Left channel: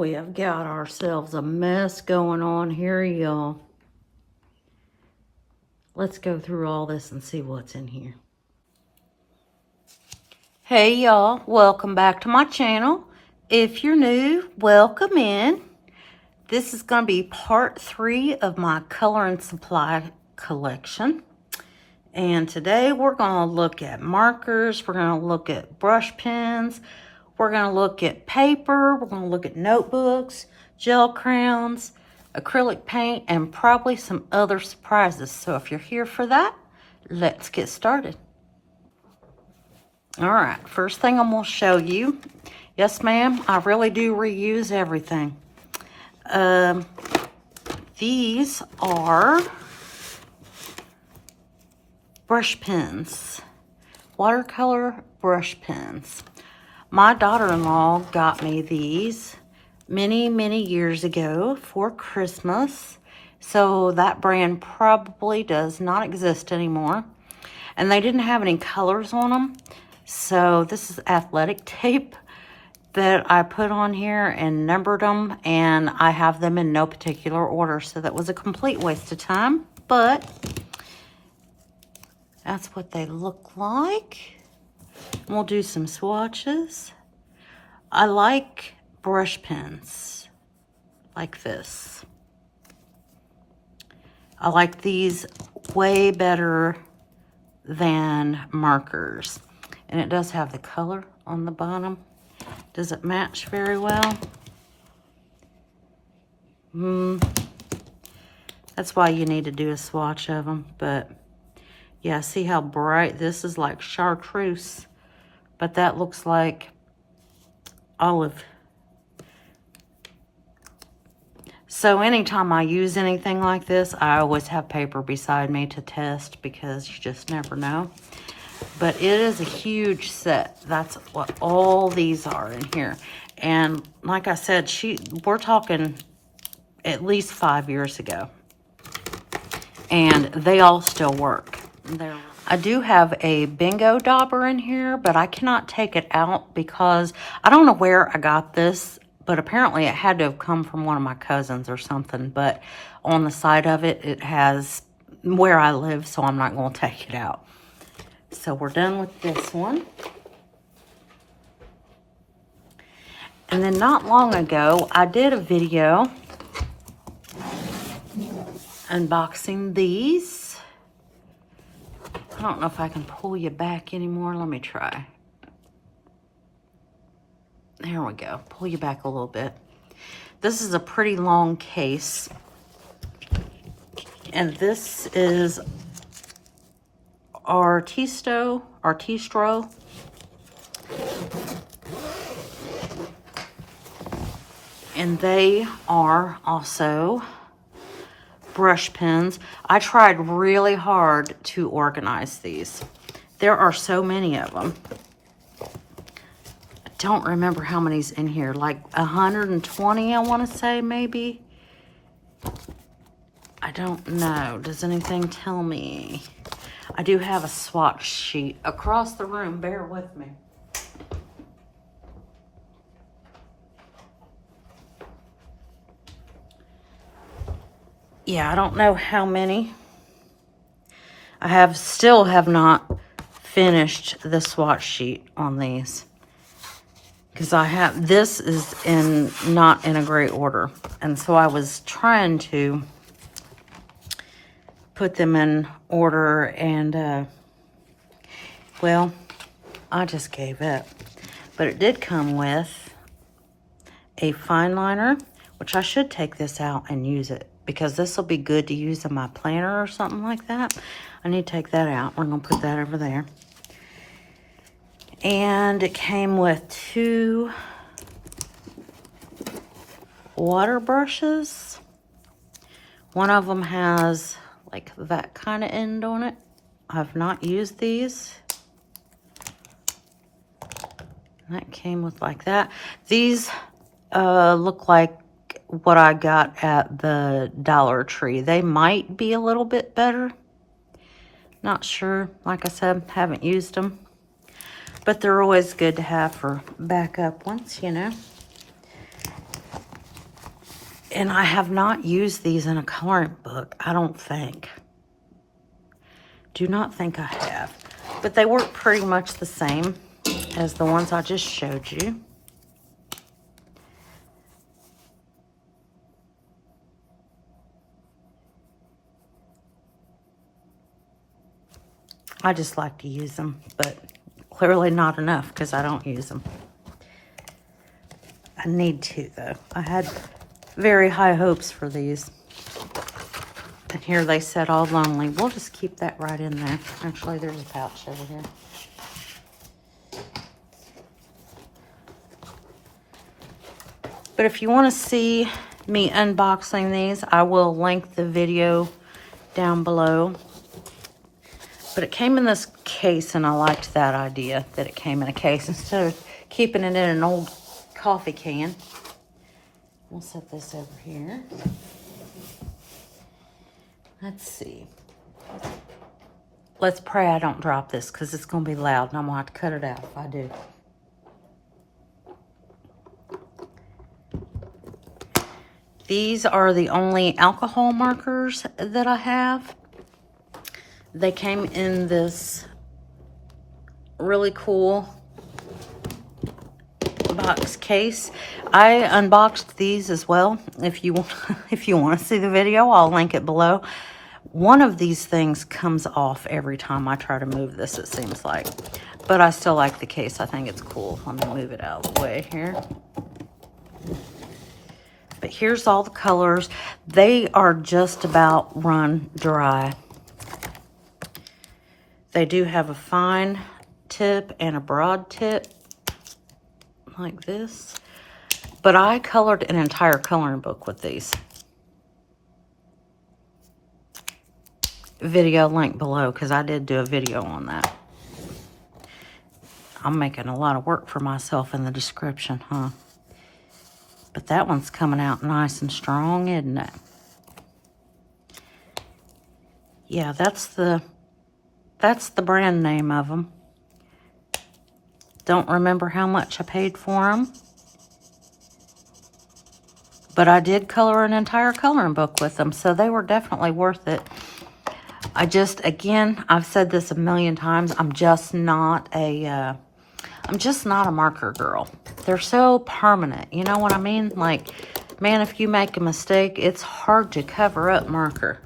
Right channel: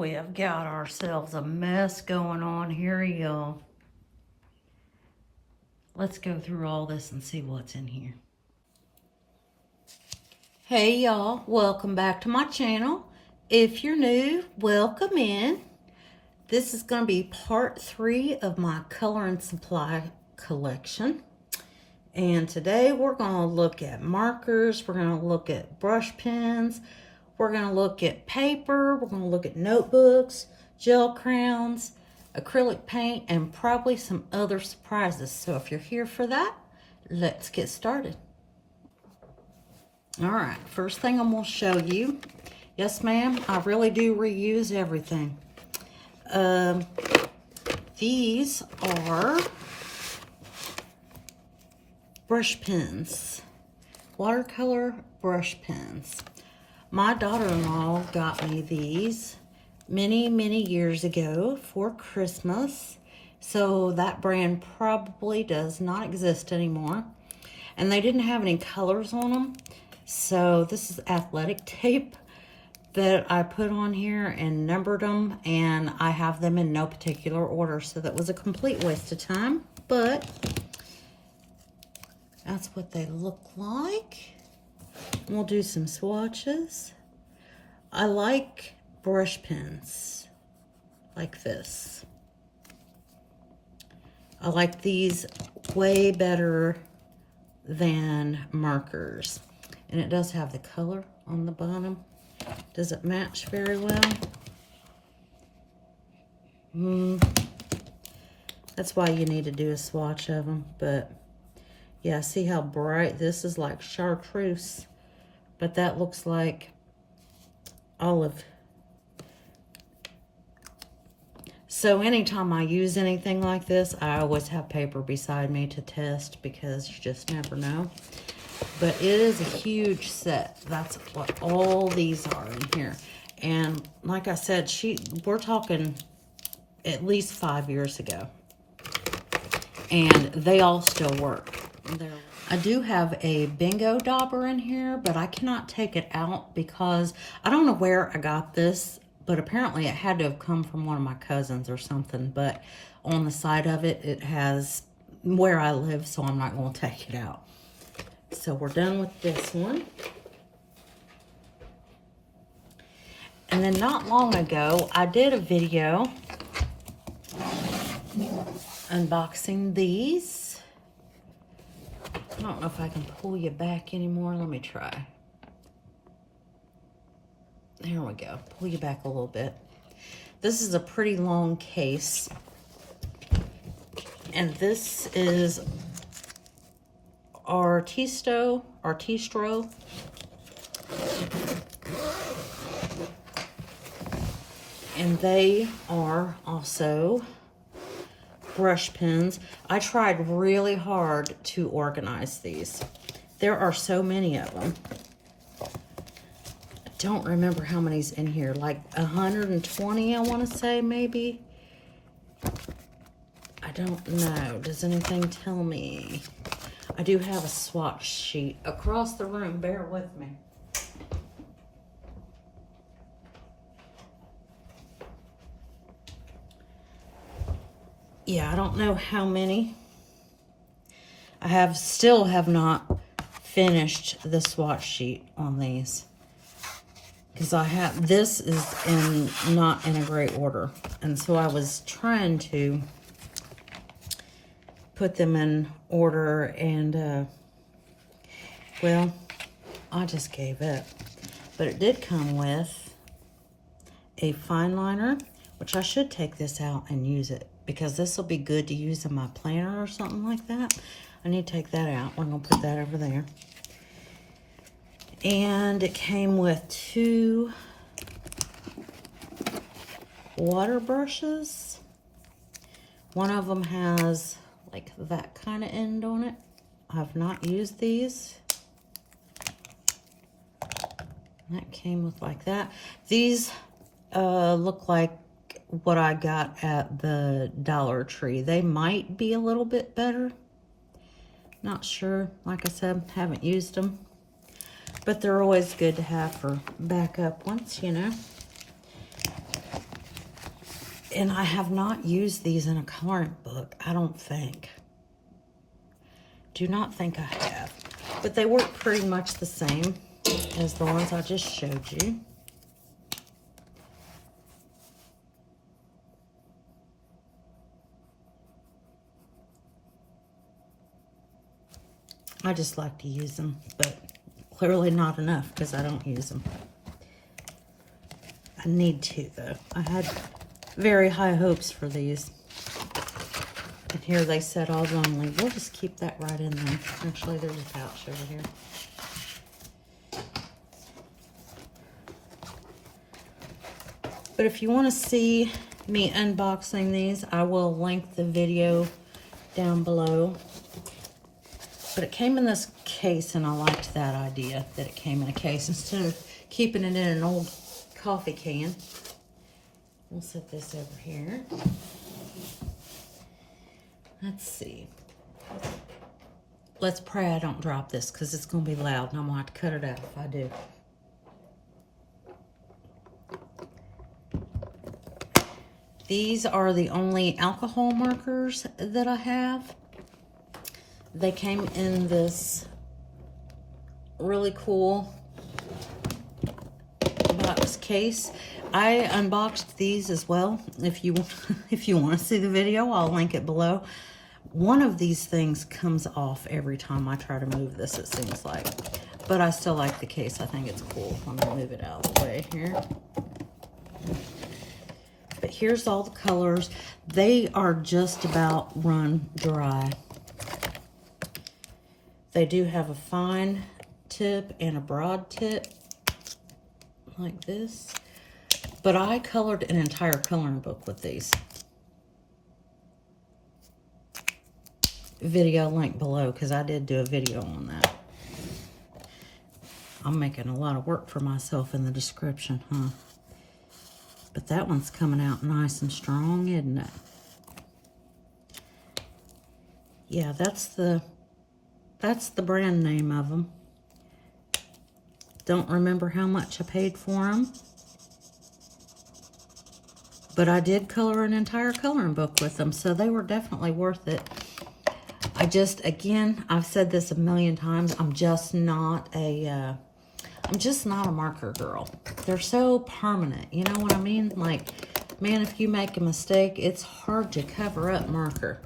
We have got ourselves a mess going on here, y'all. Let's go through all this and see what's in here. Hey y'all, welcome back to my channel. If you're new, welcome in. This is going to be part 3 of my color and supply collection. And today we're going to look at markers, we're going to look at brush pens, we're going to look at paper, we're going to look at notebooks, gel crayons, acrylic paint, and probably some other surprises. So if you're here for that, let's get started. All right, first thing I'm going to show you. Yes, ma'am, I really do reuse everything. These are brush pens, watercolor brush pens. My daughter-in-law got me these many years ago for Christmas. So that brand probably does not exist anymore. And they didn't have any colors on them. So this is athletic tape that I put on here and numbered them. And I have them in no particular order. So that was a complete waste of time. But that's what they look like. We'll do some swatches. I like brush pens like this. I like these way better than markers. And it does have the color on the bottom. Does it match very well? That's why you need to do a swatch of them. But yeah, see how bright? This is like chartreuse. But that looks like olive. So anytime I use anything like this, I always have paper beside me to test because you just never know. But it is a huge set. That's what all these are in here. And like I said, we're talking at least 5 years ago. And they all still work. I do have a bingo dauber in here, but I cannot take it out because I don't know where I got this, but apparently it had to have come from one of my cousins or something. But on the side of it, it has where I live, so I'm not going to take it out. So we're done with this one. And then not long ago, I did a video unboxing these. I don't know if I can pull you back anymore. Let me try. There we go. Pull you back a little bit. This is a pretty long case. And this is Artistro. And they are also brush pens. I tried really hard to organize these. There are so many of them. I don't remember how many's in here, like 120 I want to say, maybe. I don't know. Does anything tell me? I do have a swatch sheet across the room. Bear with me. Yeah, I don't know how many. I still have not finished the swatch sheet on these. Because this is not in a great order. And so I was trying to put them in order and, well, I just gave up. But it did come with a fine liner, which I should take this out and use it. Because this will be good to use in my planner or something like that. I need to take that out. We're going to put that over there. And it came with 2 water brushes. One of them has like that kind of end on it. I've not used these. That came with like that. These look like what I got at the Dollar Tree. They might be a little bit better. Not sure. Like I said, haven't used them. But they're always good to have for backup ones, you know. And I have not used these in a coloring book, I don't think. Do not think I have. But they work pretty much the same as the ones I just showed you. I just like to use them, but clearly not enough because I don't use them. I need to, though. I had very high hopes for these. And here they said all lonely. We'll just keep that right in there. Actually, there's a pouch over here. But if you want to see me unboxing these, I will link the video down below. But it came in this case, and I liked that idea, that it came in a case instead of keeping it in an old coffee can. We'll set this over here. Let's see. Let's pray I don't drop this because it's going to be loud and I'm going to have to cut it out if I do. These are the only alcohol markers that I have. They came in this really cool box case. I unboxed these as well. If you want to see the video, I'll link it below. One of these things comes off every time I try to move this, it seems like. But I still like the case. I think it's cool. Let me move it out of the way here. But here's all the colors. They are just about run dry. They do have a fine tip and a broad tip, like this. But I colored an entire coloring book with these. Video link below, because I did do a video on that. I'm making a lot of work for myself in the description, huh? But that one's coming out nice and strong, isn't it? Yeah, that's the brand name of them. Don't remember how much I paid for them. But I did color an entire coloring book with them, so they were definitely worth it. Again, I've said this a million times, I'm just not a marker girl. They're so permanent, you know what I mean? Like, man, if you make a mistake, it's hard to cover up marker.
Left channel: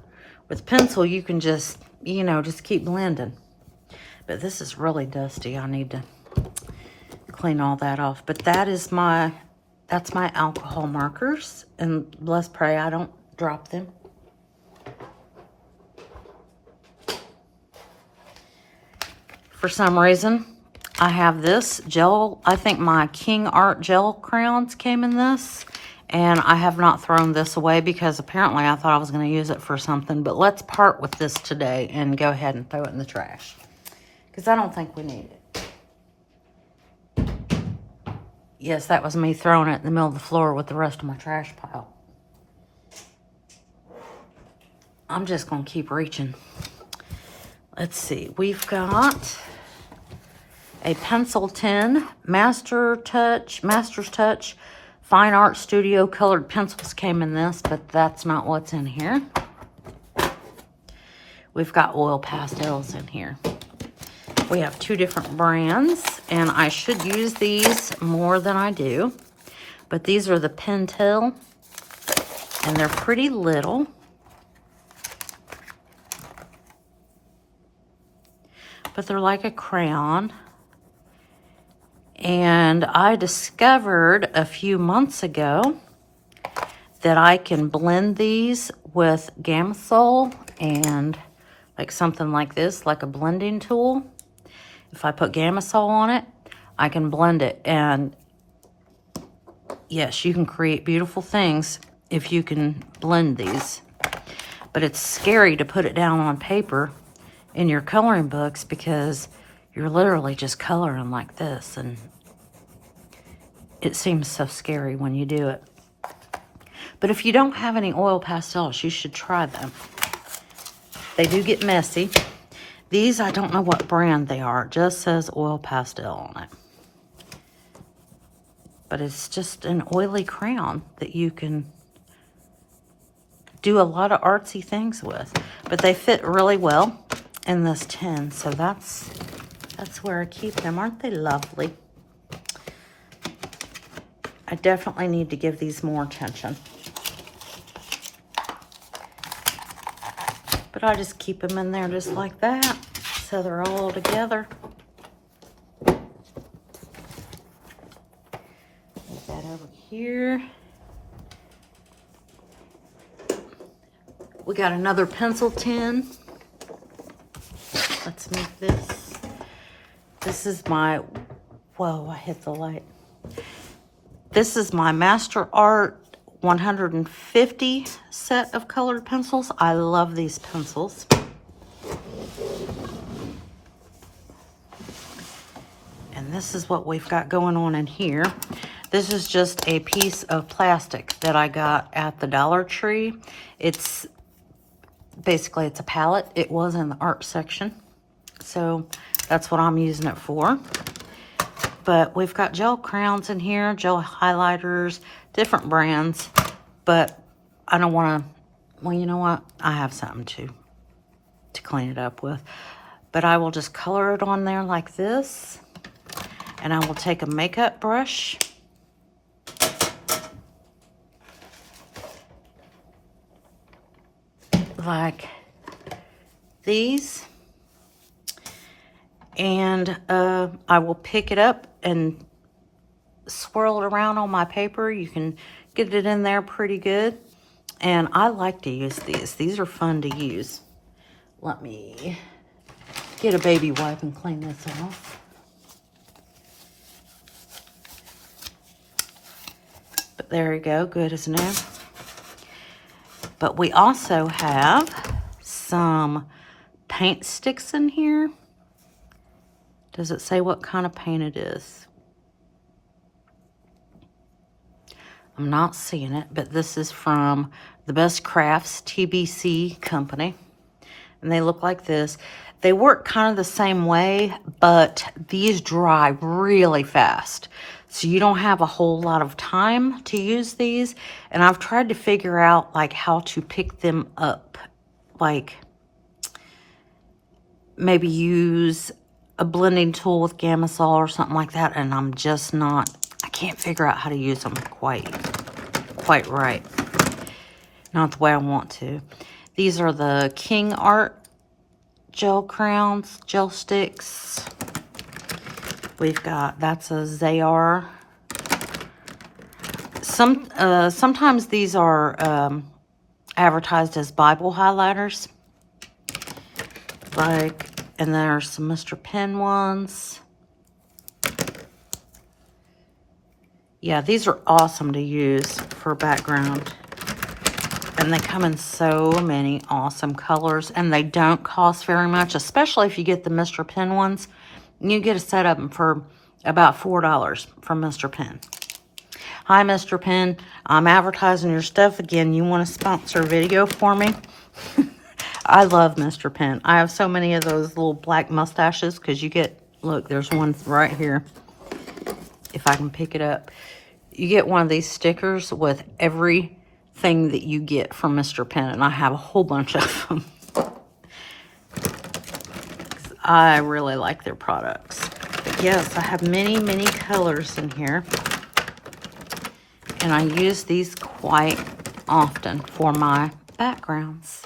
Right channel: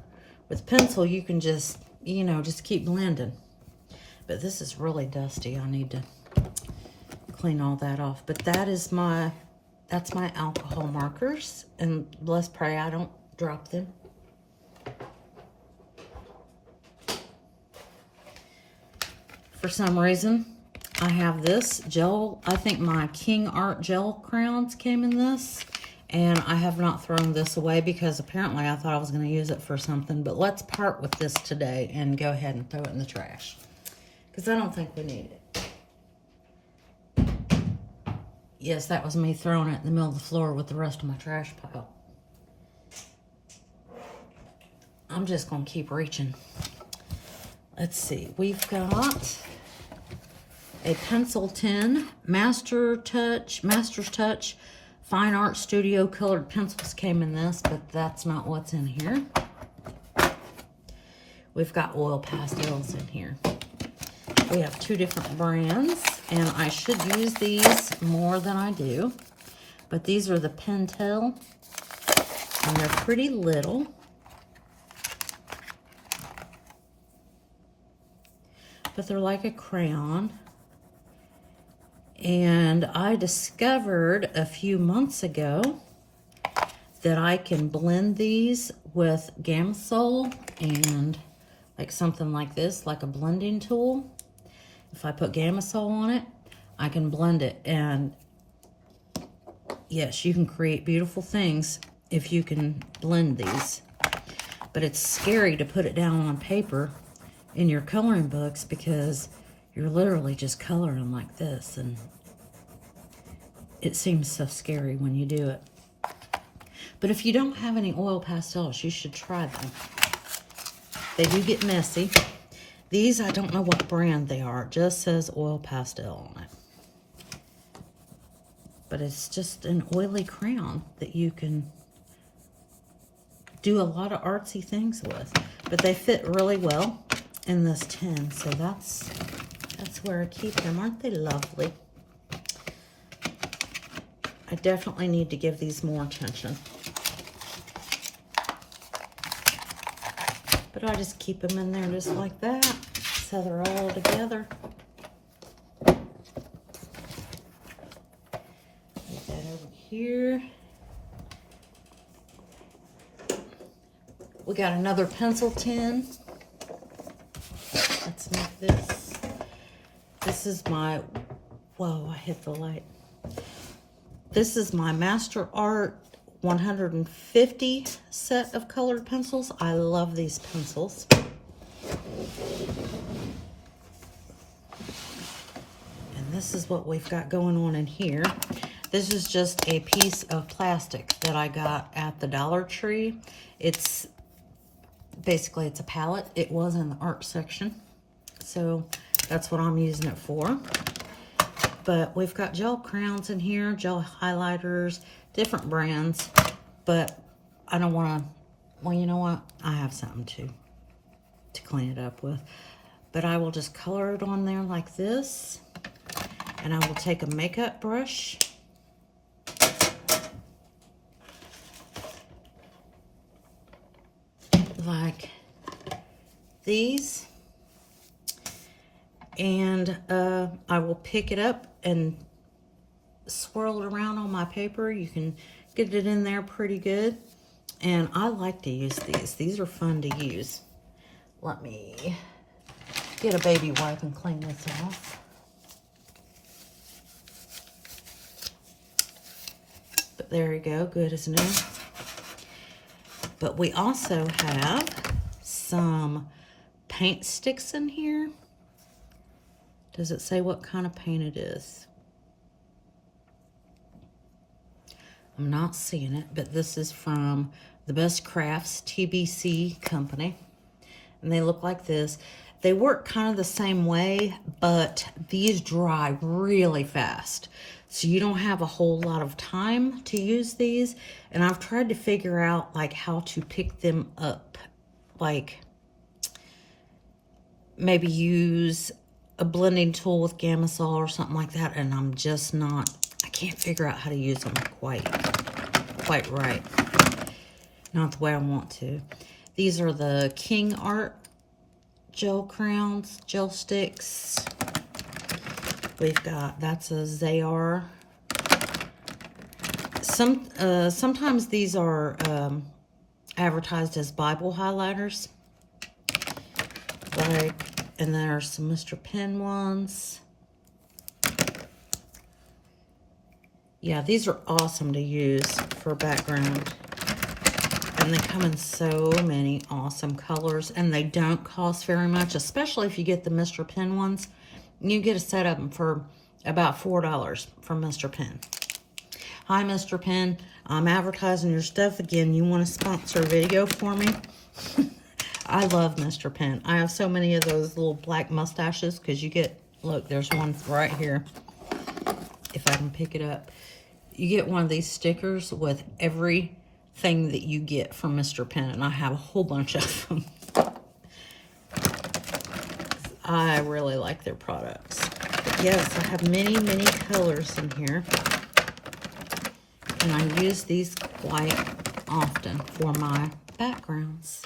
With pencil, you can just, you know, just keep blending. But this is really dusty. I need to clean all that off. But that's my alcohol markers. And let's pray I don't drop them. For some reason, I have this gel. I think my King Art gel crayons came in this. And I have not thrown this away because apparently I thought I was going to use it for something. But let's part with this today and go ahead and throw it in the trash. Because I don't think we need it. Yes, that was me throwing it in the middle of the floor with the rest of my trash pile. I'm just going to keep reaching. Let's see. We've got a pencil tin, Master's Touch, Fine Art Studio colored pencils came in this, but that's not what's in here. We've got oil pastels in here. We have two different brands, and I should use these more than I do. But these are the Pentel, and they're pretty little. But they're like a crayon. And I discovered a few months ago that I can blend these with Gamsol and like something like this, like a blending tool. If I put Gamsol on it, I can blend it. And yes, you can create beautiful things if you can blend these. But it's scary to put it down on paper in your coloring books because you're literally just coloring like this, and it seems so scary when you do it. But if you don't have any oil pastels, you should try them. They do get messy. These, I don't know what brand they are. It just says oil pastel on it. But it's just an oily crayon that you can do a lot of artsy things with. But they fit really well in this tin, so that's where I keep them. Aren't they lovely? I definitely need to give these more attention. But I just keep them in there just like that, so they're all together. Put that over here. We got another pencil tin. Let's make this. This is my, whoa, I hit the light. This is my Master Art 150 set of colored pencils. I love these pencils. And this is what we've got going on in here. This is just a piece of plastic that I got at the Dollar Tree. It's basically, it's a palette. It was in the art section. So that's what I'm using it for. But we've got gel crayons in here, gel highlighters, different brands. But I don't want to, well, you know what? I have something to clean it up with. But I will just color it on there like this. And I will take a makeup brush. Like these. And I will pick it up and swirl it around on my paper. You can get it in there pretty good. And I like to use these. These are fun to use. Let me get a baby wipe and clean this off. But there you go, good as new. But we also have some paint sticks in here. Does it say what kind of paint it is? I'm not seeing it, but this is from the Best Crafts TBC company. And they look like this. They work kind of the same way, but these dry really fast. So you don't have a whole lot of time to use these. And I've tried to figure out like how to pick them up. Like maybe use a blending tool with Gamma-Sol or something like that, and I'm just not, I can't figure out how to use them quite right. Not the way I want to. These are the King Art gel crayons, gel sticks. We've got, that's a Zayar. Sometimes these are advertised as Bible highlighters. Like, and there's some Mr. Pen ones. Yeah, these are awesome to use for background. And they come in so many awesome colors. And they don't cost very much, especially if you get the Mr. Pen ones. You get a set of them for about $4 from Mr. Pen. Hi, Mr. Pen. I'm advertising your stuff again. You want to sponsor a video for me? I love Mr. Pen. I have so many of those little black mustaches because you get, look, there's one right here. If I can pick it up. You get one of these stickers with everything that you get from Mr. Pen. And I have a whole bunch of them. I really like their products. But yes, I have many, many colors in here. And I use these quite often for my backgrounds.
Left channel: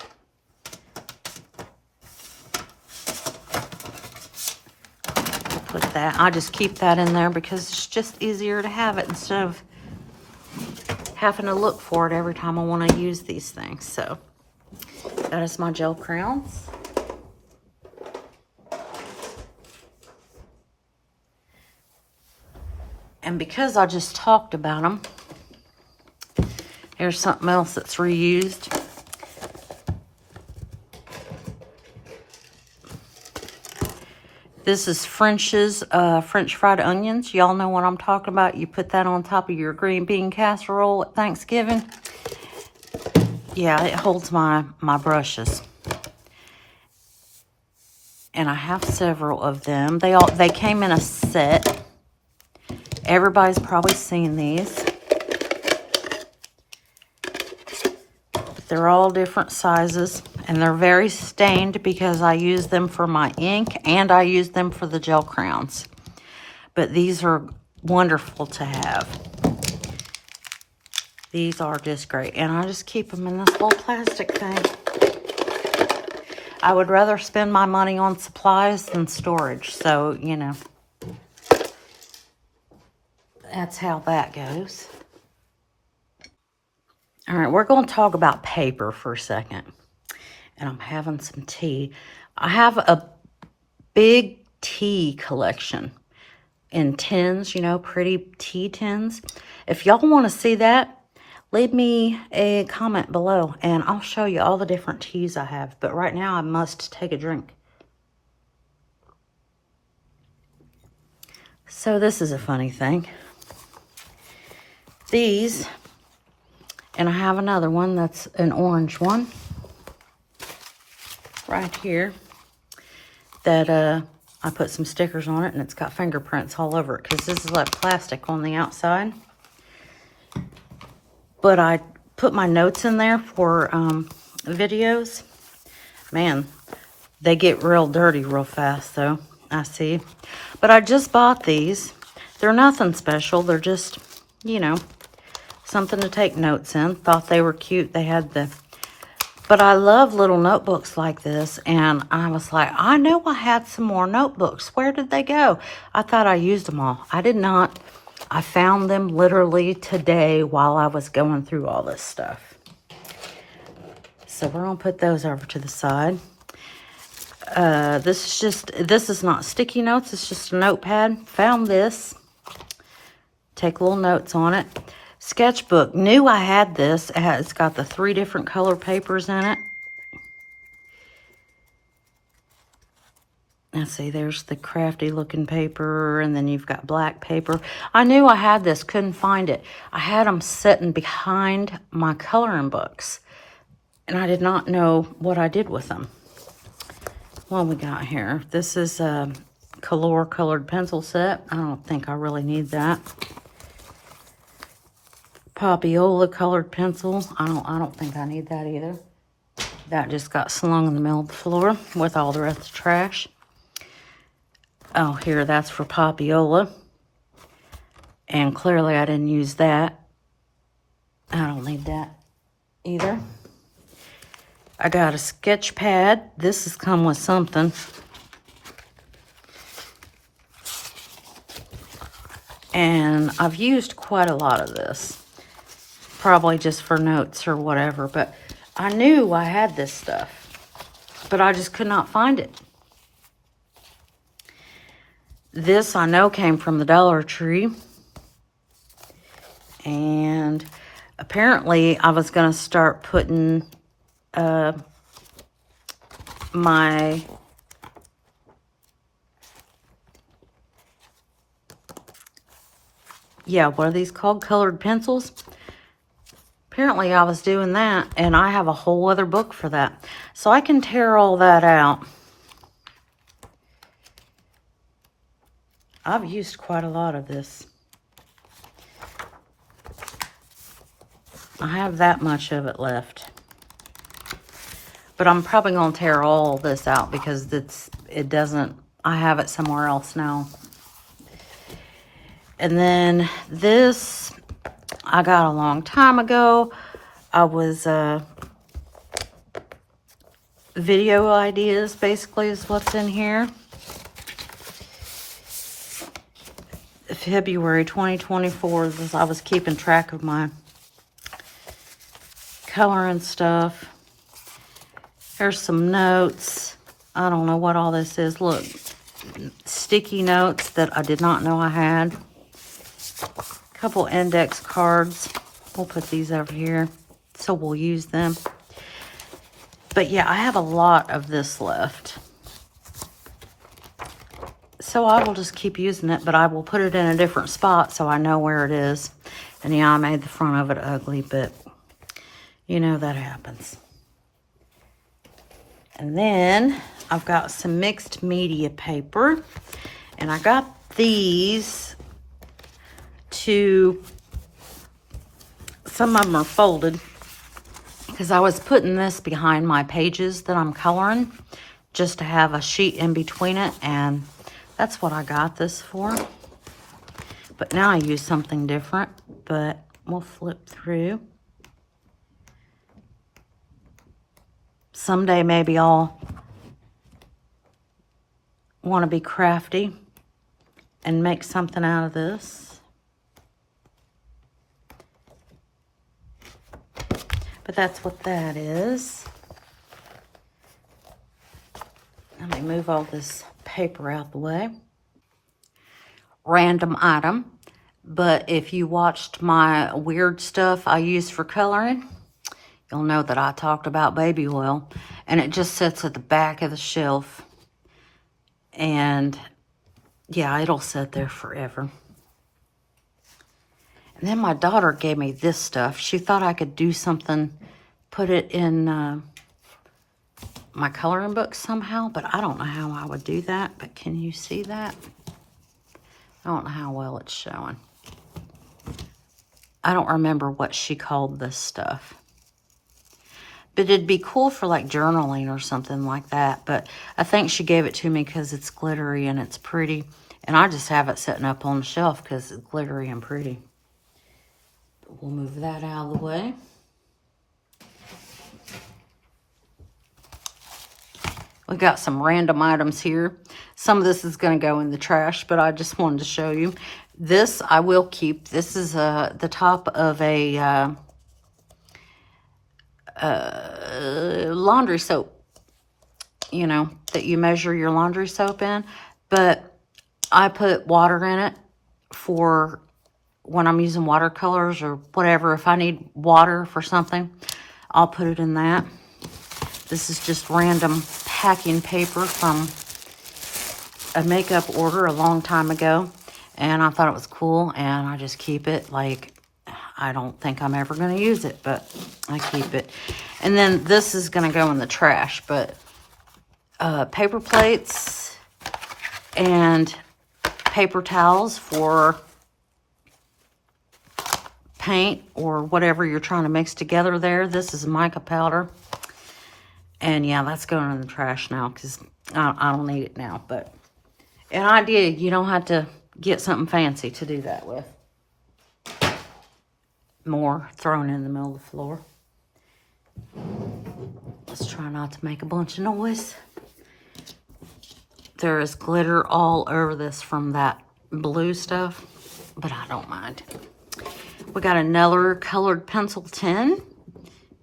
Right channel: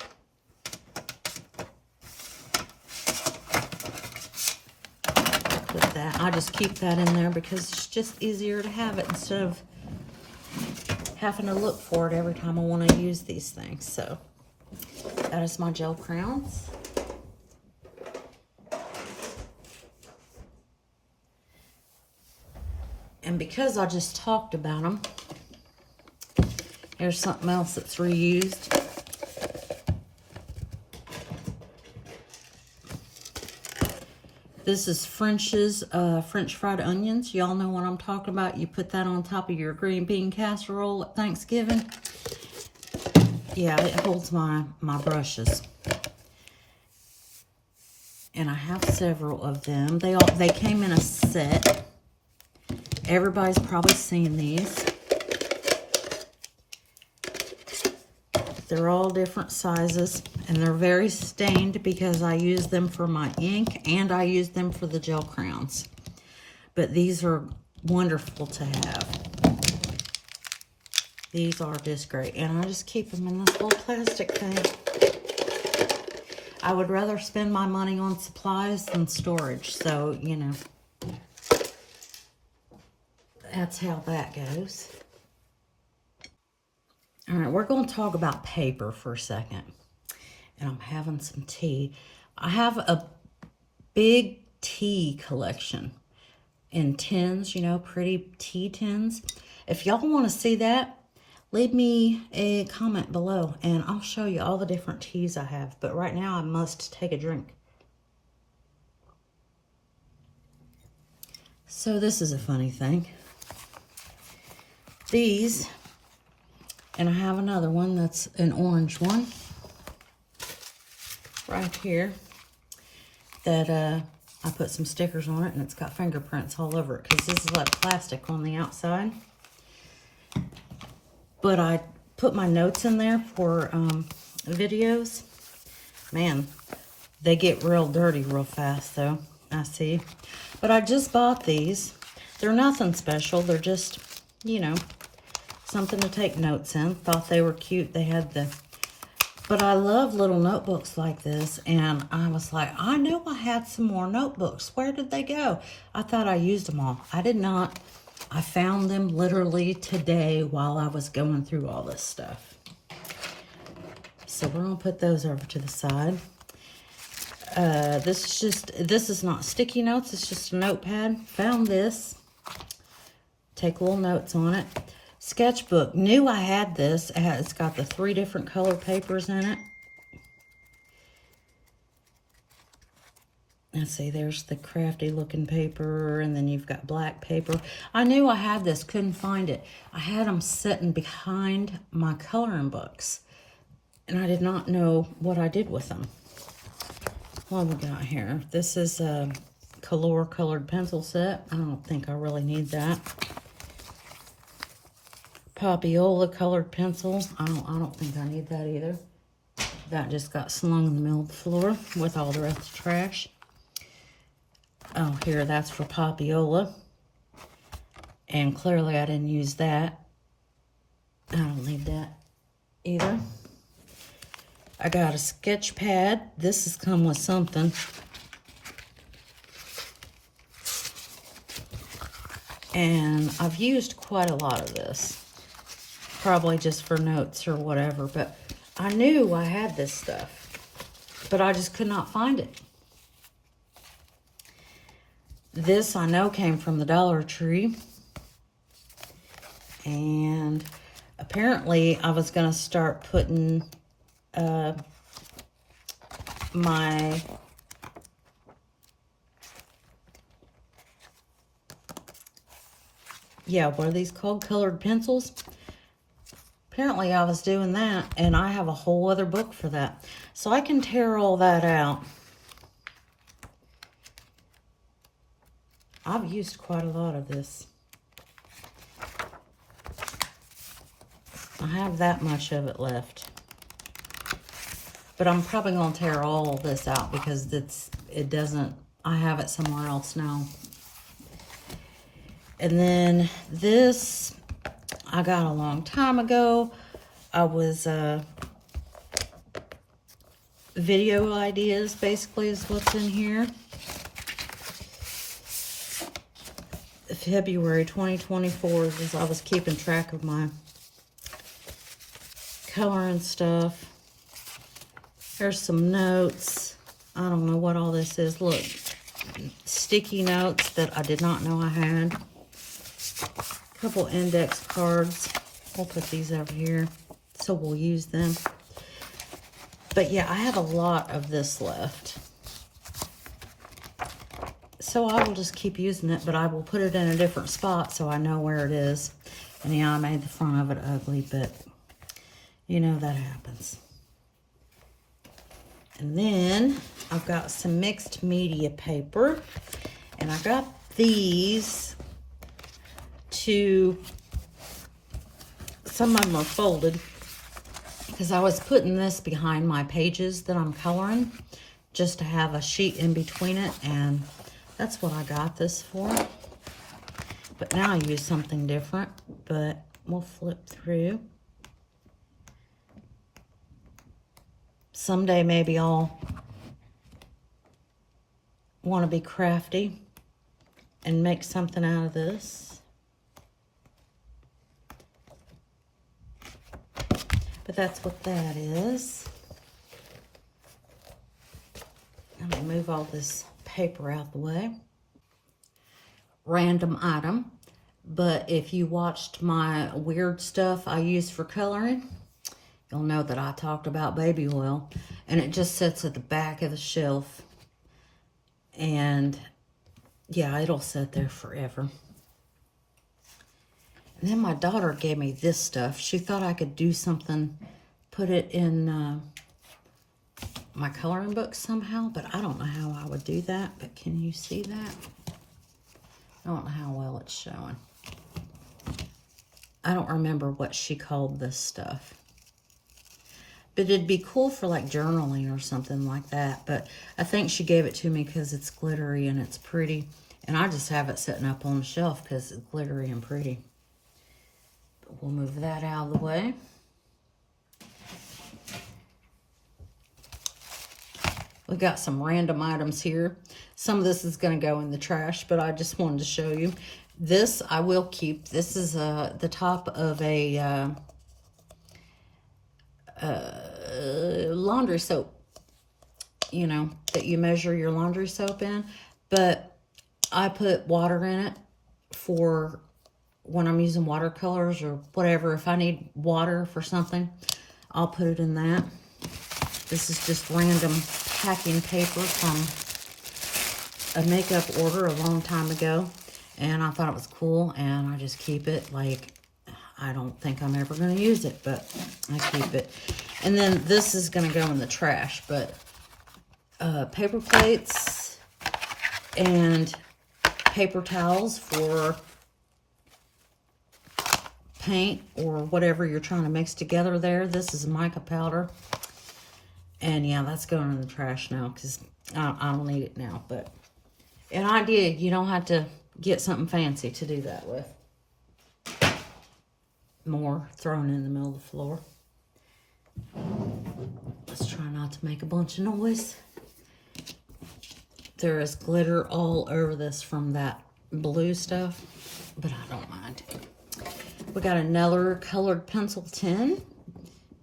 Put that, I just keep that in there because it's just easier to have it instead of having to look for it every time I want to use these things. So that is my gel crayons. And because I just talked about them, here's something else that's reused. This is French's French fried onions. Y'all know what I'm talking about. You put that on top of your green bean casserole at Thanksgiving. Yeah, it holds my brushes. And I have several of them. They came in a set. Everybody's probably seen these. They're all different sizes, and they're very stained because I use them for my ink and I use them for the gel crayons. But these are wonderful to have. These are just great, and I just keep them in this little plastic thing. I would rather spend my money on supplies than storage, so, you know, that's how that goes. All right, we're going to talk about paper for a second. And I'm having some tea. I have a big tea collection in tins, you know, pretty tea tins. If y'all want to see that, leave me a comment below and I'll show you all the different teas I have. But right now I must take a drink. So this is a funny thing. These, and I have another one that's an orange one right here that I put some stickers on it, and it's got fingerprints all over it because this is like plastic on the outside. But I put my notes in there for videos. Man, they get real dirty real fast though, I see. But I just bought these. They're nothing special. They're just, you know, something to take notes in. Thought they were cute. They had the... But I love little notebooks like this, and I was like, I know I had some more notebooks. Where did they go? I thought I used them all. I did not. I found them literally today while I was going through all this stuff. So we're going to put those over to the side. This is not sticky notes. It's just a notepad. Found this. Take little notes on it. Sketchbook. Knew I had this. It's got the 3 different color papers in it. Let's see, there's the crafty looking paper, and then you've got black paper. I knew I had this, couldn't find it. I had them sitting behind my coloring books, and I did not know what I did with them. What we got here? This is a Color colored pencil set. I don't think I really need that. Popiola colored pencil. I don't think I need that either. That just got slung in the middle of the floor with all the rest of the trash. Oh, here, that's for Popiola. And clearly I didn't use that. I don't need that either. I got a sketch pad. This has come with something. And I've used quite a lot of this. Probably just for notes or whatever. But I knew I had this stuff. But I just could not find it. This I know came from the Dollar Tree. And apparently I was going to start putting my what are these called? Colored pencils. Apparently I was doing that, and I have a whole other book for that. So I can tear all that out. I've used quite a lot of this. I have that much of it left. But I'm probably going to tear all this out because it doesn't, I have it somewhere else now. And then this, I got a long time ago. I was, video ideas basically is what's in here. February 2024, I was keeping track of my coloring stuff. There's some notes. I don't know what all this is. Look, sticky notes that I did not know I had. A couple index cards. We'll put these over here, so we'll use them. But yeah, I have a lot of this left. So I will just keep using it, but I will put it in a different spot so I know where it is. And yeah, I made the front of it ugly, but you know that happens. And then I've got some mixed media paper, and I got these some of them are folded because I was putting this behind my pages that I'm coloring just to have a sheet in between it, and that's what I got this for. But now I use something different, but we'll flip through. Someday maybe I'll want to be crafty and make something out of this. But that's what that is. Let me move all this paper out the way. Random item, but if you watched my weird stuff I use for coloring, you'll know that I talked about baby oil, and it just sits at the back of the shelf. And yeah, it'll sit there forever. And then my daughter gave me this stuff. She thought I could do something, put it in my coloring book somehow, but I don't know how I would do that. But can you see that? I don't know how well it's showing. I don't remember what she called this stuff. But it'd be cool for like journaling or something like that. But I think she gave it to me because it's glittery and it's pretty. And I just have it sitting up on the shelf because it's glittery and pretty. But we'll move that out of the way. We got some random items here. Some of this is going to go in the trash, but I just wanted to show you. This I will keep. This is the top of a laundry soap, you know, that you measure your laundry soap in. But I put water in it for when I'm using watercolors or whatever. If I need water for something, I'll put it in that. This is just random packing paper from a makeup order a long time ago, and I thought it was cool, and I just keep it. Like, I don't think I'm ever going to use it, but I keep it. And then this is going to go in the trash, but paper plates and paper towels for paint or whatever you're trying to mix together there. This is mica powder. And yeah, that's going in the trash now because I don't need it now. But an idea, you don't have to get something fancy to do that with. More thrown in the middle of the floor. Let's try not to make a bunch of noise. There is glitter all over this from that blue stuff, but I don't mind. We got another colored pencil tin.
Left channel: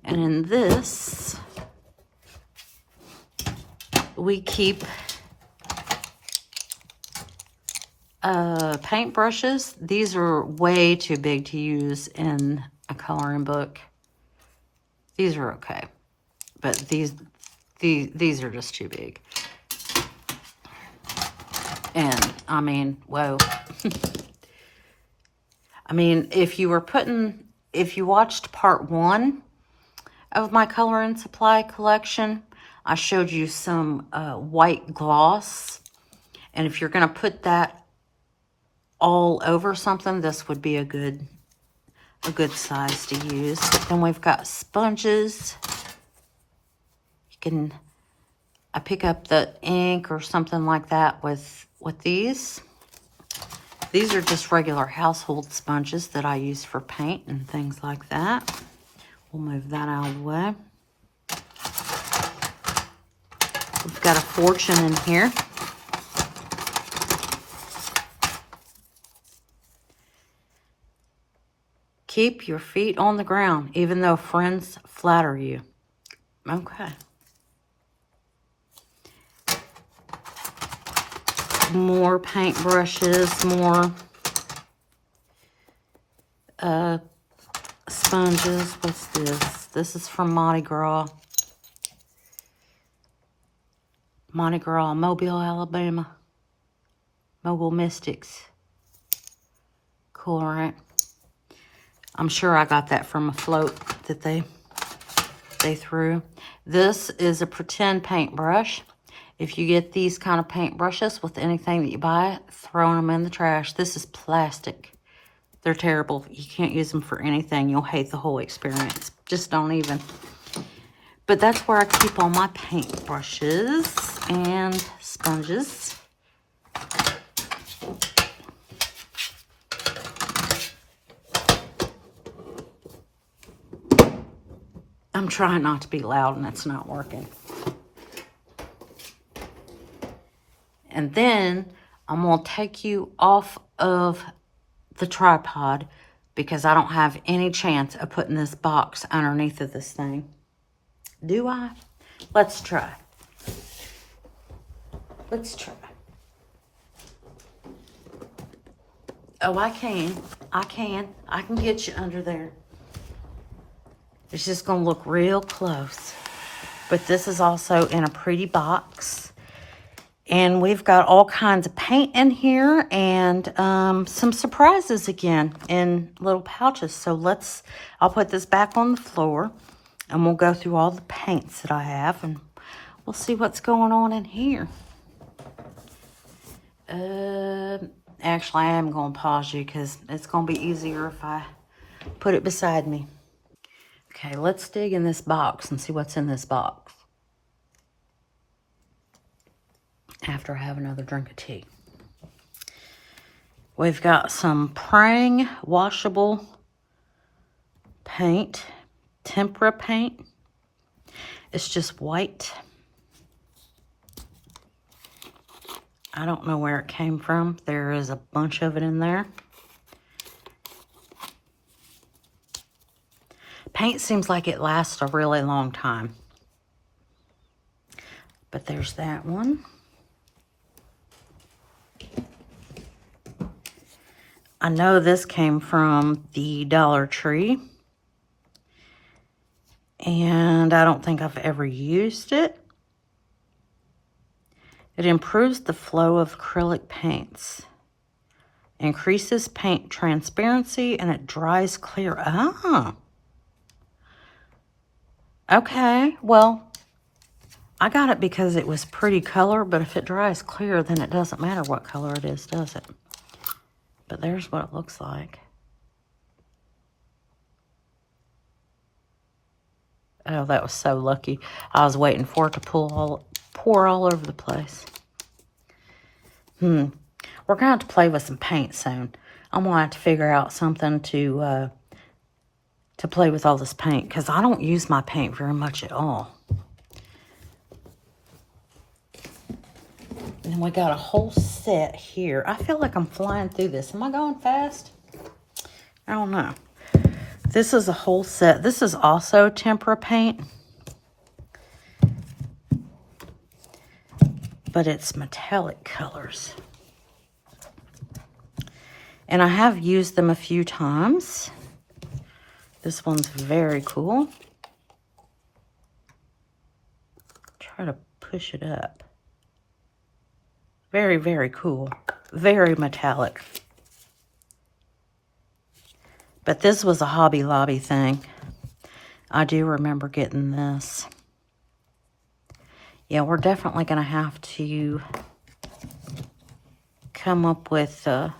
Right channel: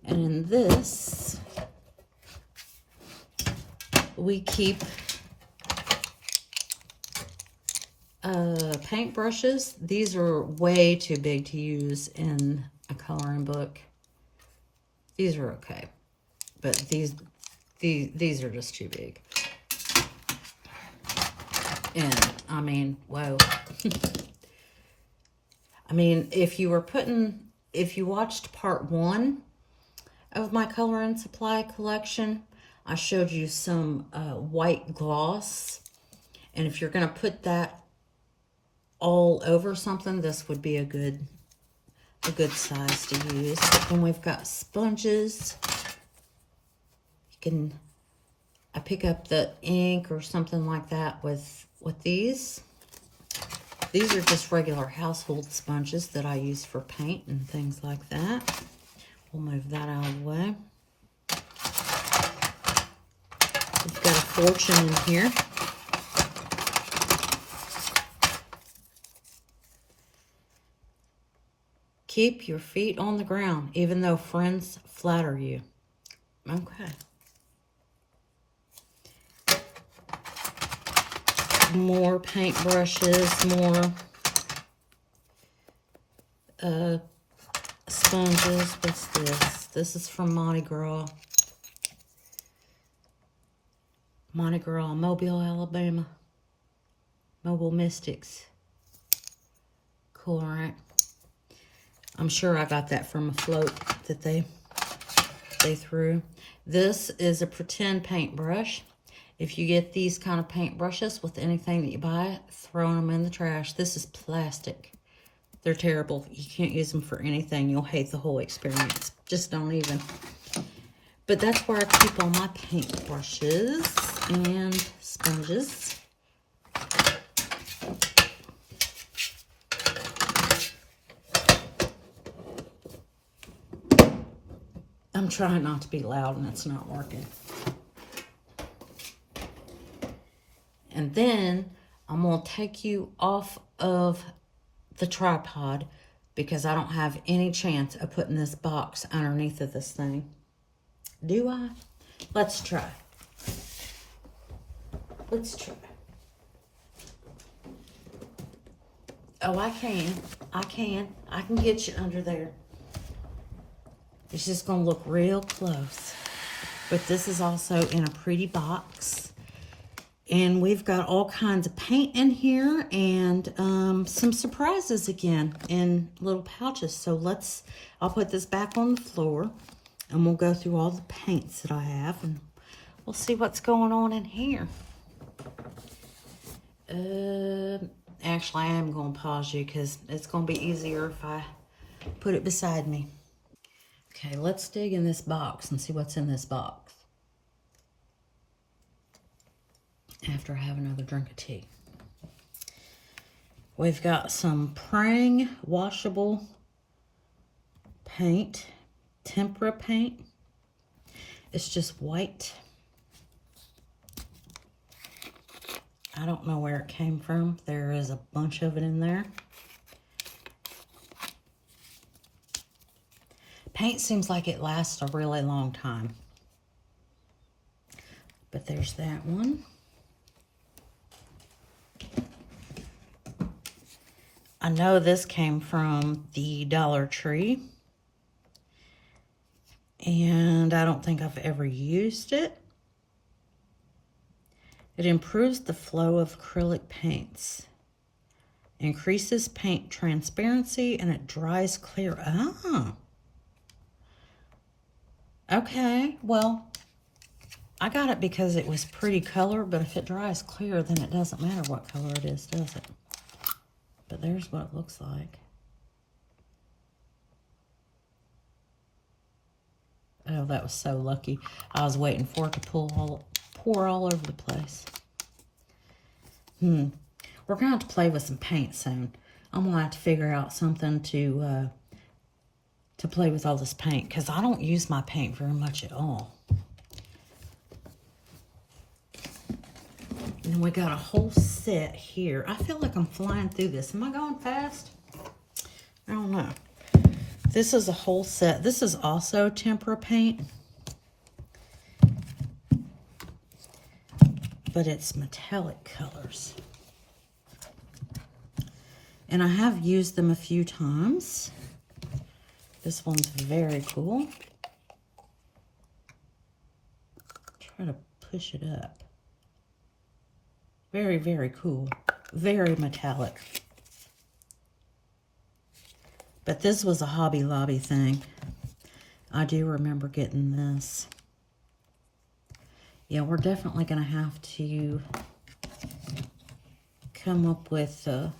And in this, we keep paint brushes. These are way too big to use in a coloring book. These are okay, but these are just too big. And I mean, whoa. I mean, if you watched part 1 of my color and supply collection, I showed you some white gloss. And if you're going to put that all over something, this would be a good size to use. Then we've got sponges. I pick up the ink or something like that with these. These are just regular household sponges that I use for paint and things like that. We'll move that out of the way. We've got a fortune in here. Keep your feet on the ground, even though friends flatter you. Okay. More paint brushes, more sponges. What's this? This is from Mardi Gras. Mardi Gras, Mobile, Alabama. Mobile Mystics. Cool, right? I'm sure I got that from a float that they threw. This is a pretend paintbrush. If you get these kind of paintbrushes with anything that you buy, throw them in the trash. This is plastic. They're terrible. You can't use them for anything. You'll hate the whole experience. Just don't even. But that's where I keep all my paint brushes and sponges. I'm trying not to be loud and it's not working. And then I'm going to take you off of the tripod because I don't have any chance of putting this box underneath of this thing. Do I? Let's try. Let's try. Oh, I can. I can get you under there. It's just going to look real close. But this is also in a pretty box. And we've got all kinds of paint in here and some surprises again in little pouches. So I'll put this back on the floor and we'll go through all the paints that I have and we'll see what's going on in here. Actually, I am going to pause you because it's going to be easier if I put it beside me. Okay, let's dig in this box and see what's in this box after I have another drink of tea. We've got some Prang washable paint, tempera paint. It's just white. I don't know where it came from. There is a bunch of it in there. Paint seems like it lasts a really long time. But there's that one. I know this came from the Dollar Tree. And I don't think I've ever used it. It improves the flow of acrylic paints. Increases paint transparency and it dries clear. Ah. Okay, well, I got it because it was pretty color, but if it dries clear, then it doesn't matter what color it is, does it? But there's what it looks like. Oh, that was so lucky. I was waiting for it to pour all over the place. We're going to have to play with some paint soon. I'm going to have to figure out something to play with all this paint because I don't use my paint very much at all. And we got a whole set here. I feel like I'm flying through this. Am I going fast? I don't know. This is a whole set. This is also tempera paint. But it's metallic colors. And I have used them a few times. This one's very cool. Try to push it up. Very, very cool. Very metallic. But this was a Hobby Lobby thing. I do remember getting this. Yeah, we're definitely going to have to come up with a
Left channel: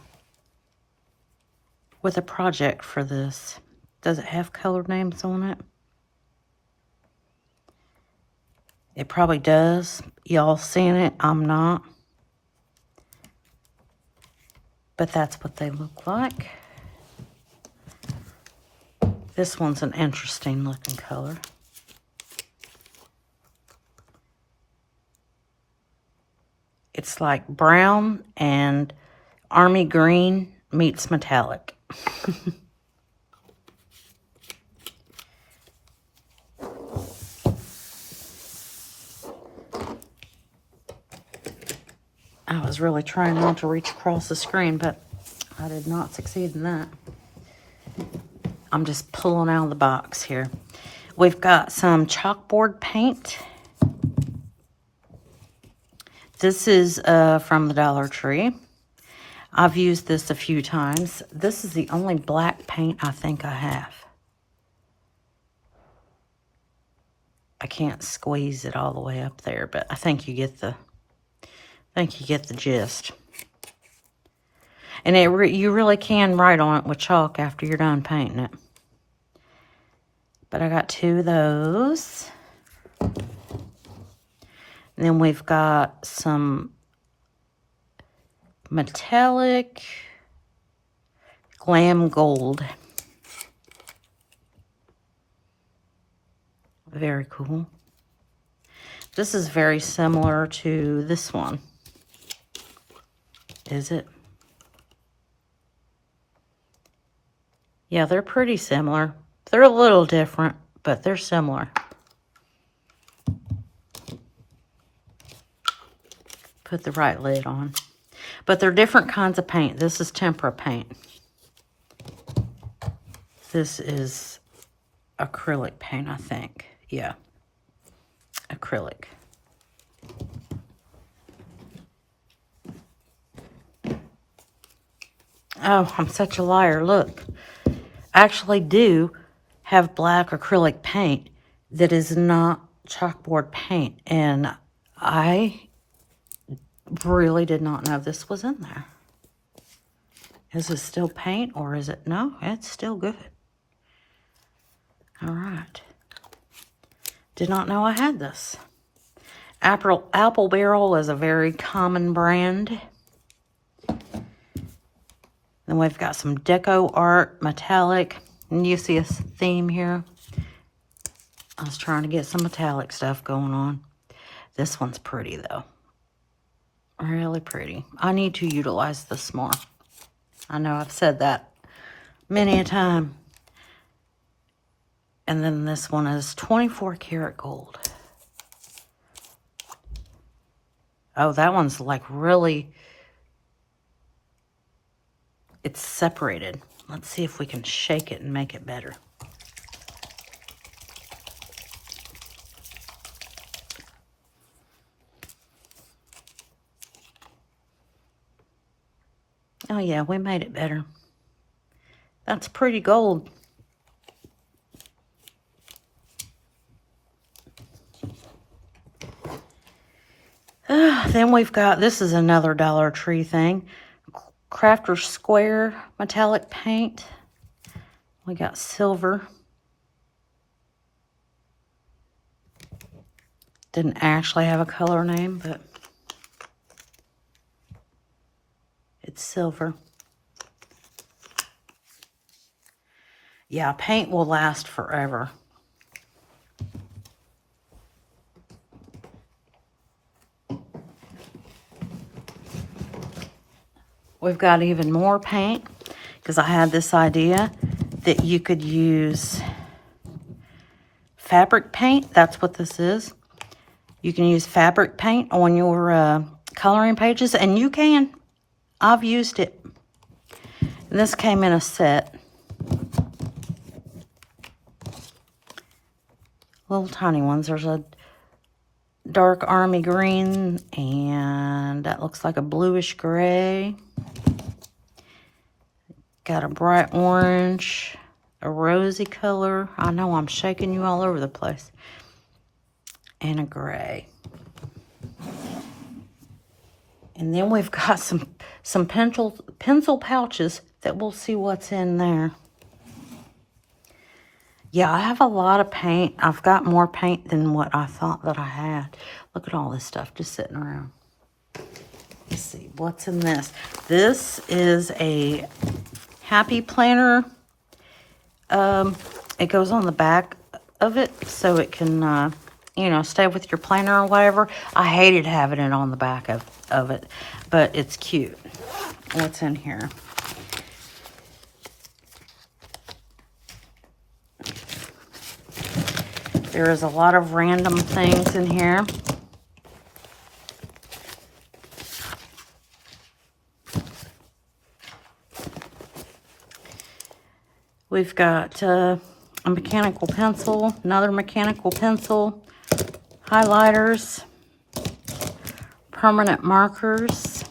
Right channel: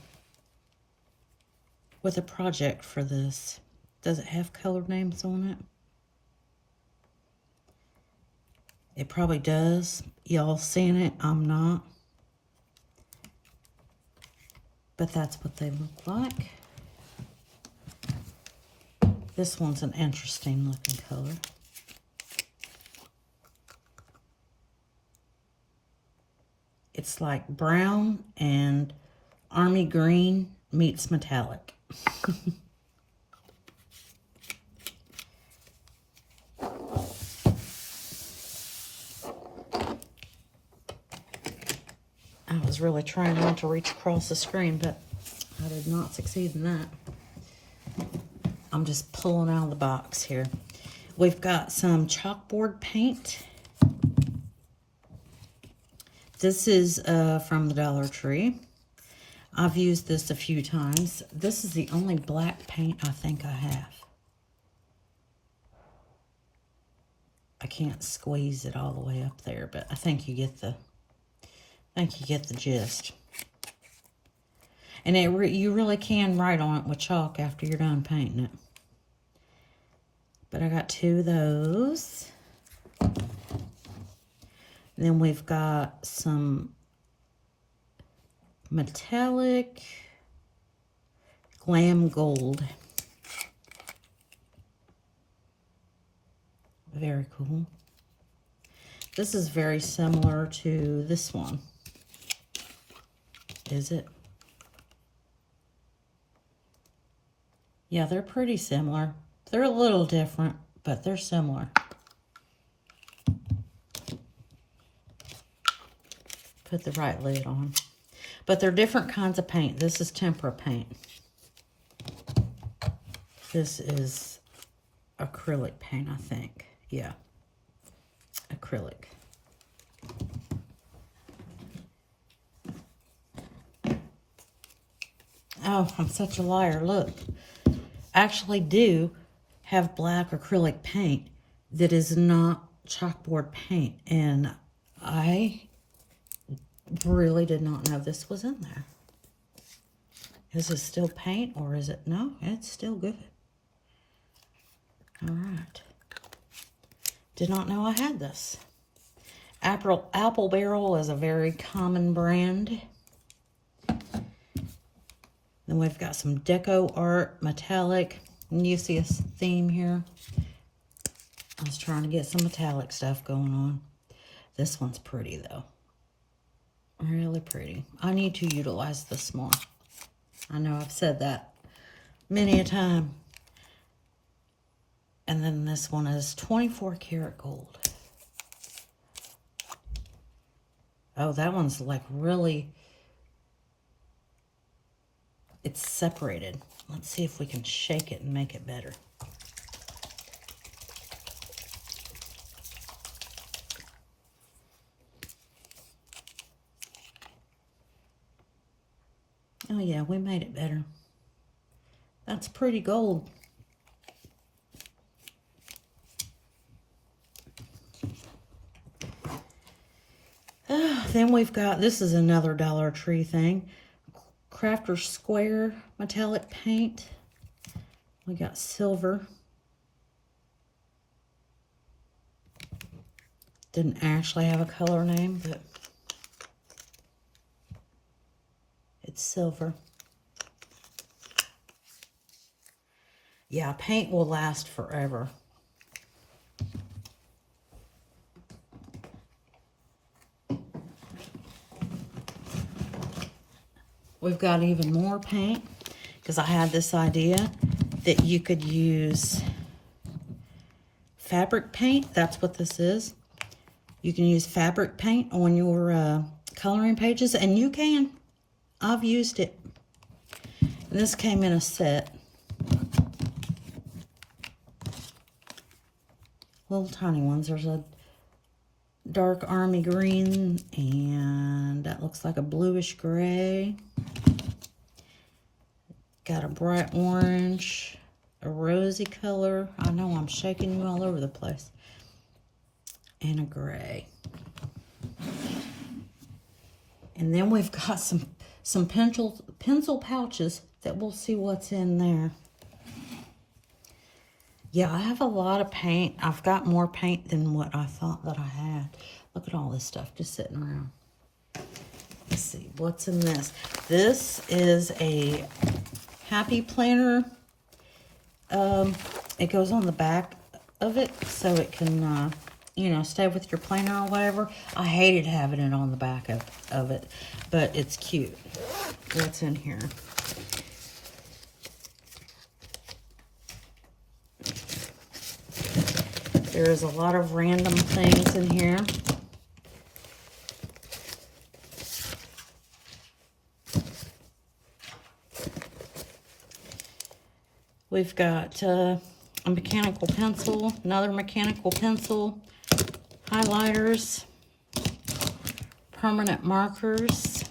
project for this. Does it have color names on it? It probably does. Y'all seeing it? I'm not. But that's what they look like. This one's an interesting looking color. It's like brown and army green meets metallic. I was really trying not to reach across the screen, but I did not succeed in that. I'm just pulling out of the box here. We've got some chalkboard paint. This is from the Dollar Tree. I've used this a few times. This is the only black paint I think I have. I can't squeeze it all the way up there, but I think you get the gist. And you really can write on it with chalk after you're done painting it. But I got two of those. And then we've got some metallic glam gold. Very cool. This is very similar to this one. Is it? Yeah, they're pretty similar. They're a little different, but they're similar. Put the right lid on. But they're different kinds of paint. This is tempera paint. This is acrylic paint, I think. Yeah. Acrylic. Oh, I'm such a liar. Look. I actually do have black acrylic paint that is not chalkboard paint. And I really did not know this was in there. Is it still paint or is it? No, it's still good. All right. Did not know I had this. Apple Barrel is a very common brand. Then we've got some Deco Art Metallic. And you see a theme here. I was trying to get some metallic stuff going on. This one's pretty though. Really pretty. I need to utilize this more. I know I've said that many a time. And then this one is 24 karat gold. Oh, that one's like really, it's separated. Let's see if we can shake it and make it better. Oh yeah, we made it better. That's pretty gold. Then we've got, this is another Dollar Tree thing. Crafter Square metallic paint. We got silver. Didn't actually have a color name, but it's silver. Yeah, paint will last forever. We've got even more paint because I had this idea that you could use fabric paint. That's what this is. You can use fabric paint on your coloring pages, and you can. I've used it. And this came in a set. Little tiny ones. There's a dark army green, and that looks like a bluish gray. Got a bright orange, a rosy color. I know I'm shaking you all over the place. And a gray. And then we've got some pencil pouches that we'll see what's in there. Yeah, I have a lot of paint. I've got more paint than what I thought that I had. Look at all this stuff just sitting around. Let's see, what's in this? This is a Happy Planner. It goes on the back of it so it can, you know, stay with your planner or whatever. I hated having it on the back of it, but it's cute. What's in here? There is a lot of random things in here. We've got a mechanical pencil, another mechanical pencil, highlighters, permanent markers.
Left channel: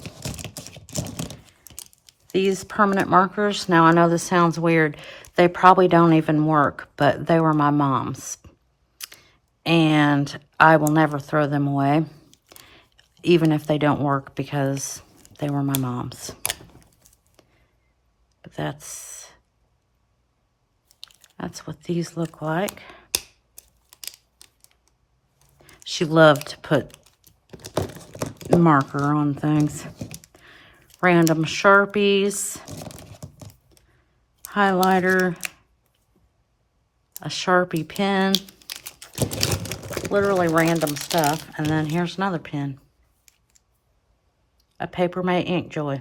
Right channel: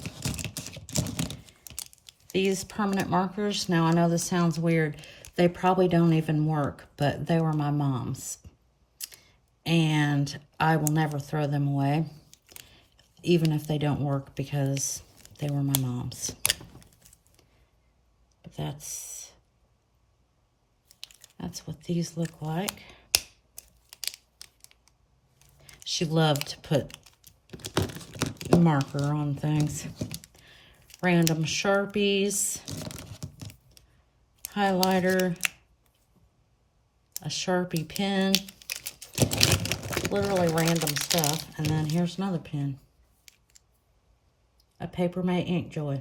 These permanent markers, now I know this sounds weird, they probably don't even work, but they were my mom's. And I will never throw them away, even if they don't work, because they were my mom's. But that's what these look like. She loved to put marker on things. Random Sharpies, highlighter, a Sharpie pen, literally random stuff. And then here's another pen, a Paper Mate Ink Joy.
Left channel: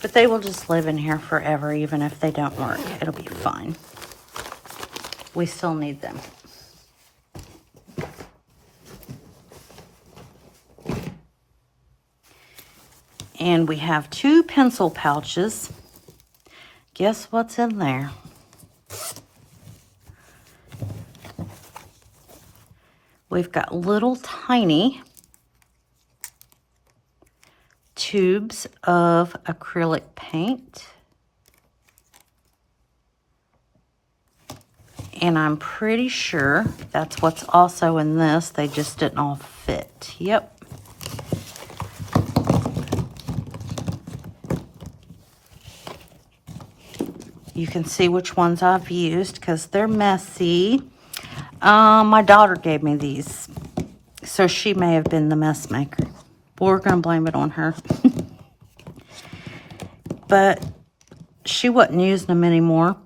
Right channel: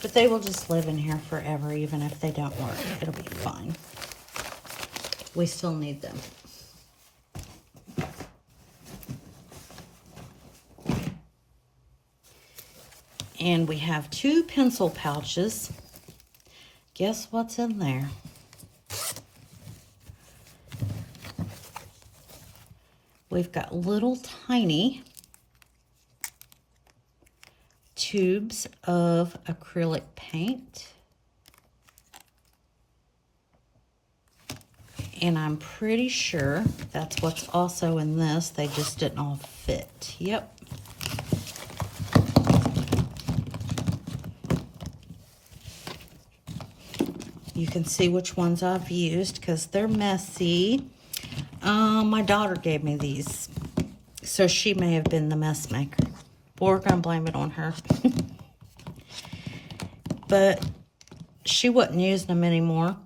But they will just live in here forever, even if they don't work. It'll be fine. We still need them. And we have 2 pencil pouches. Guess what's in there? We've got little tiny tubes of acrylic paint. And I'm pretty sure that's what's also in this. They just didn't all fit. Yep. You can see which ones I've used because they're messy. My daughter gave me these, so she may have been the mess maker. We're going to blame it on her. But she wasn't using them anymore,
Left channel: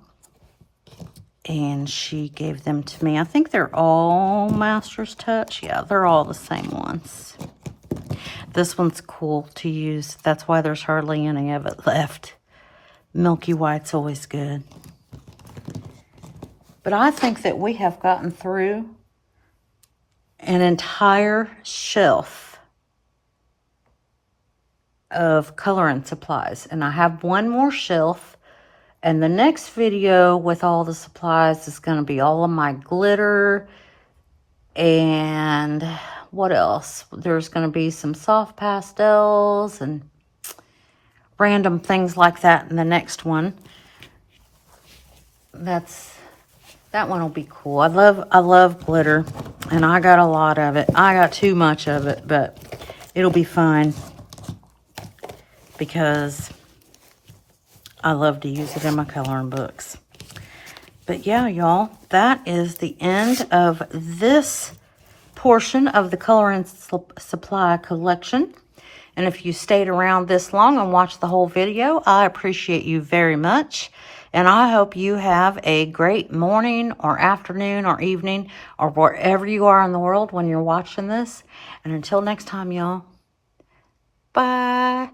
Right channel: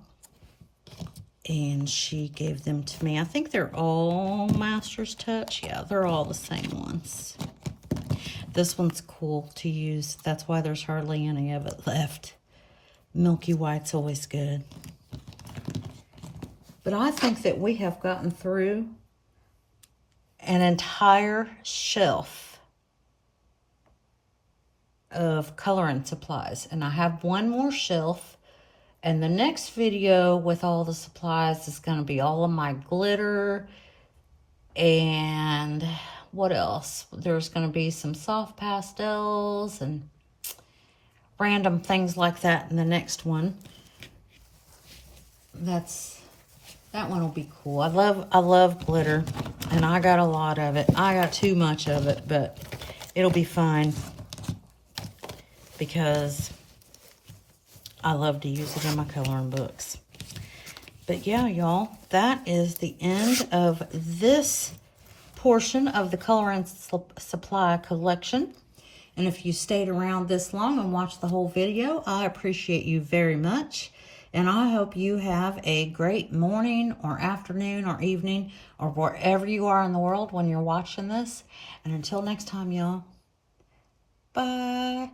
and she gave them to me. I think they're all Master's Touch. Yeah, they're all the same ones. This one's cool to use. That's why there's hardly any of it left. Milky White's always good. But I think that we have gotten through an entire shelf of coloring supplies. And I have one more shelf. And the next video with all the supplies is going to be all of my glitter. And what else? There's going to be some soft pastels and random things like that in the next one. That one will be cool. I love glitter, and I got a lot of it. I got too much of it, but it'll be fine because I love to use it in my coloring books. But yeah, y'all, that is the end of this portion of the coloring supply collection. And if you stayed around this long and watched the whole video, I appreciate you very much. And I hope you have a great morning or afternoon or evening or wherever you are in the world when you're watching this. And until next time, y'all, bye.